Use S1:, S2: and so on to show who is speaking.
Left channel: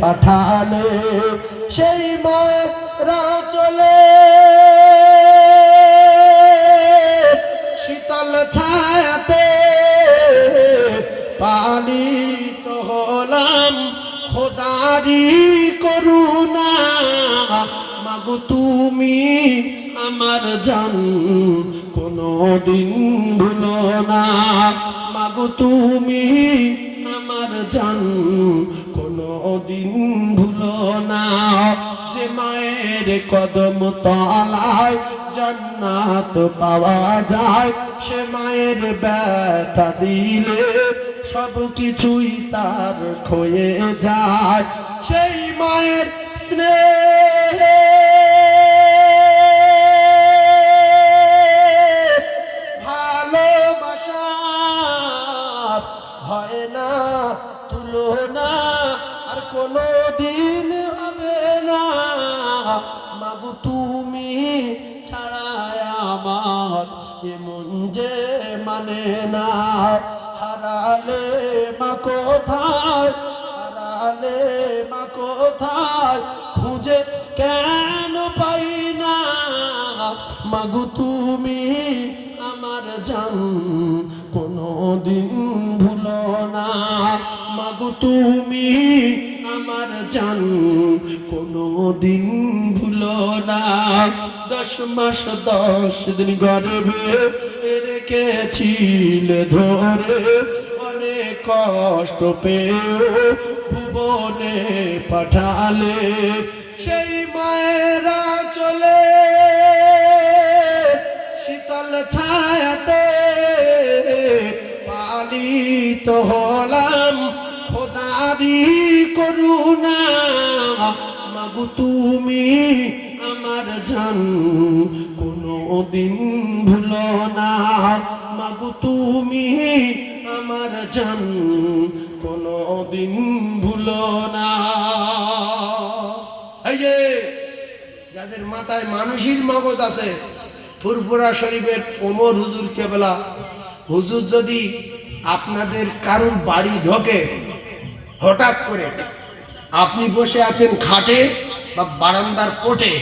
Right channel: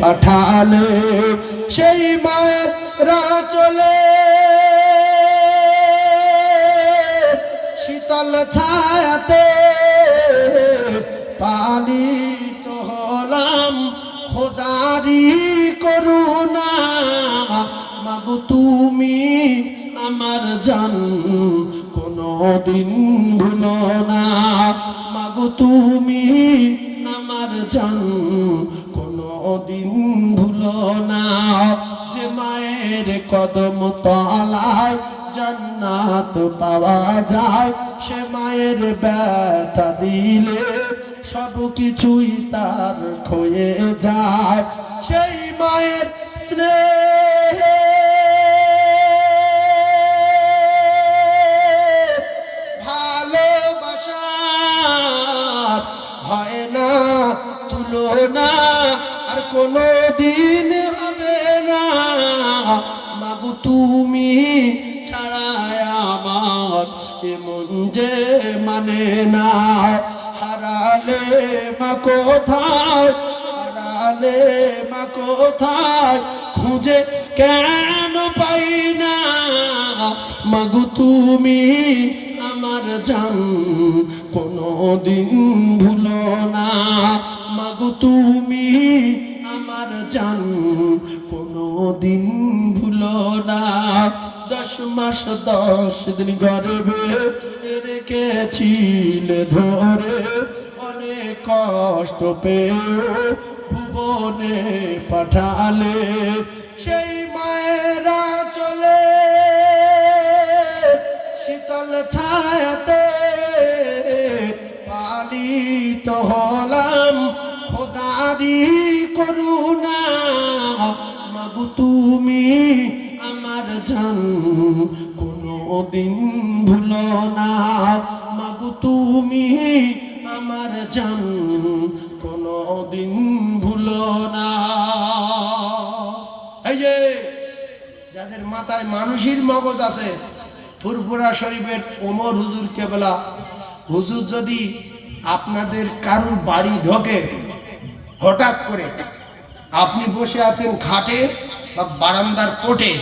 S1: পাঠালে, সেই মায়েরা চলে শীতল ছায়াতে পালিত হলাম, খোদারি করুণা। মাগো তুমি আমার জান কোনো দিন ভুলো না। মাগো তুমি আমার জান কোনো দিন ভুলো না। যে মায়ের কদম তলায় জান্নাত পাওয়া যায়, সে মায়ের ব্যথা দিলে সব কিছুই তার ক্ষয়ে যায়। সেই মায়ের স্নেহ ভালোবাসা হয় না তুলনা কোনো দিন হবে না। মাগু, তুমি এমন যে মানে না। হারালে মা কোথায়? হারালে মা কোথায়? খুঁজে কেন পাই না। মাগু, তুমি আমার জান কোনো দিন ভুলো না। মাগু, তুমি জান কোনো দিন ভুলো না। দশ মাস, দশ দিন গর্ভে রেখেছিলে ধরে, অনেক কষ্ট পেয়ে ভুবনে পাঠালে। সেই মায়েরা চলে, শীতল ছায়াতে পালিত হলাম। খোদারি মাগু তুমি আমার জান, কোনো দিন ভুলো না। মাগু তুমি আমার জান, কোনো দিন ভুলো না। এই যে, যাদের মাথায় মানুষের মগজ আছে ফুরপুরা শরীফের ওমর হুজুর কেবলা, হুজুর যদি আপনাদের কারুর বাড়ি ঢোকে, হঠাৎ করে আপনি বসে আছেন খাটে বা বারান্দার কোটে